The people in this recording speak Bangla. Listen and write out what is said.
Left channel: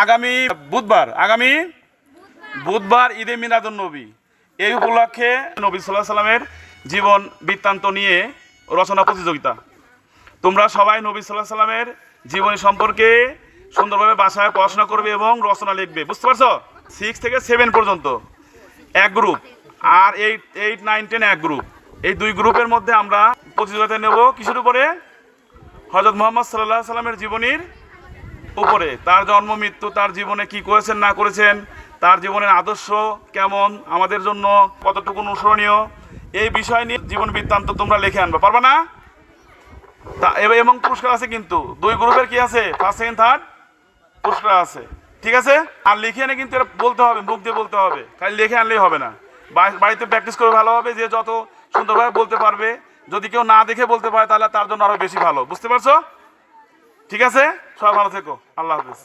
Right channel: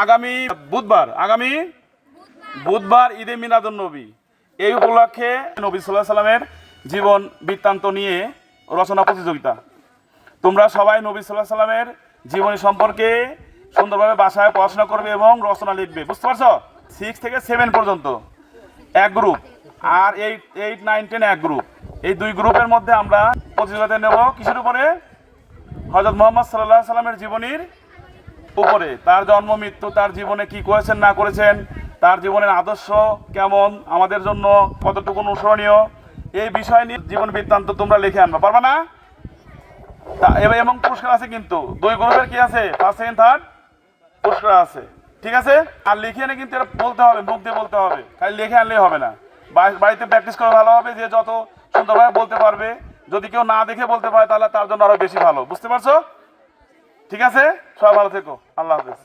আগামী বুধবার ঈদে মিলাদুন নবী, এই উপলক্ষে নবী সাল্লাল্লাহু আলাইহি সাল্লামের জীবন বৃত্তান্ত নিয়ে রচনা প্রতিযোগিতা। তোমরা সবাই নবী সাল্লাল্লাহু আলাইহি সাল্লামের জীবনী সম্পর্কে সুন্দরভাবে বাসায় পড়াশোনা করবে এবং রচনা লিখবে। বুঝতে পারছো? 6 থেকে 7 পর্যন্ত এক গ্রুপ, আর 8, 9, 10 এক গ্রুপ। এই দুই গ্রুপের মধ্যে আমরা প্রতিযোগিতা নেব কিসের উপরে? হযরত মুহাম্মদ সাল্লাল্লাহু আলাইহি সাল্লামের জীবনীর উপরে। তার জন্ম মৃত্যু, তার জীবনে কি করেছেন না করেছেন, তার জীবনের আদর্শ কেমন, আমাদের জন্য কতটুকু অনুসরণীয়, এই বিষয় নিয়ে জীবন বৃত্তান্ত তোমরা লিখে আনবা। পারবা না? এবং পুরস্কার আছে, কিন্তু দুই গ্রুপের কি আছে, ফার্স্ট সেকেন্ড থার্ড পুরস্কার আছে। ঠিক আছে? আর লিখে এনে কিন্তু এটা বলতে হবে, মুখ দিয়ে বলতে হবে, খালি লিখে আনলেই হবে না। বাড়িতে প্র্যাকটিস করে ভালো হবে, যে যত সুন্দরভাবে বলতে পারবে। যদি কেউ না দেখে বলতে পারে তাহলে তার জন্য আরো বেশি ভালো। বুঝতে পারছো? ঠিক আছে, সবাই ভালো থেকো। আল্লাহ হাফেজ।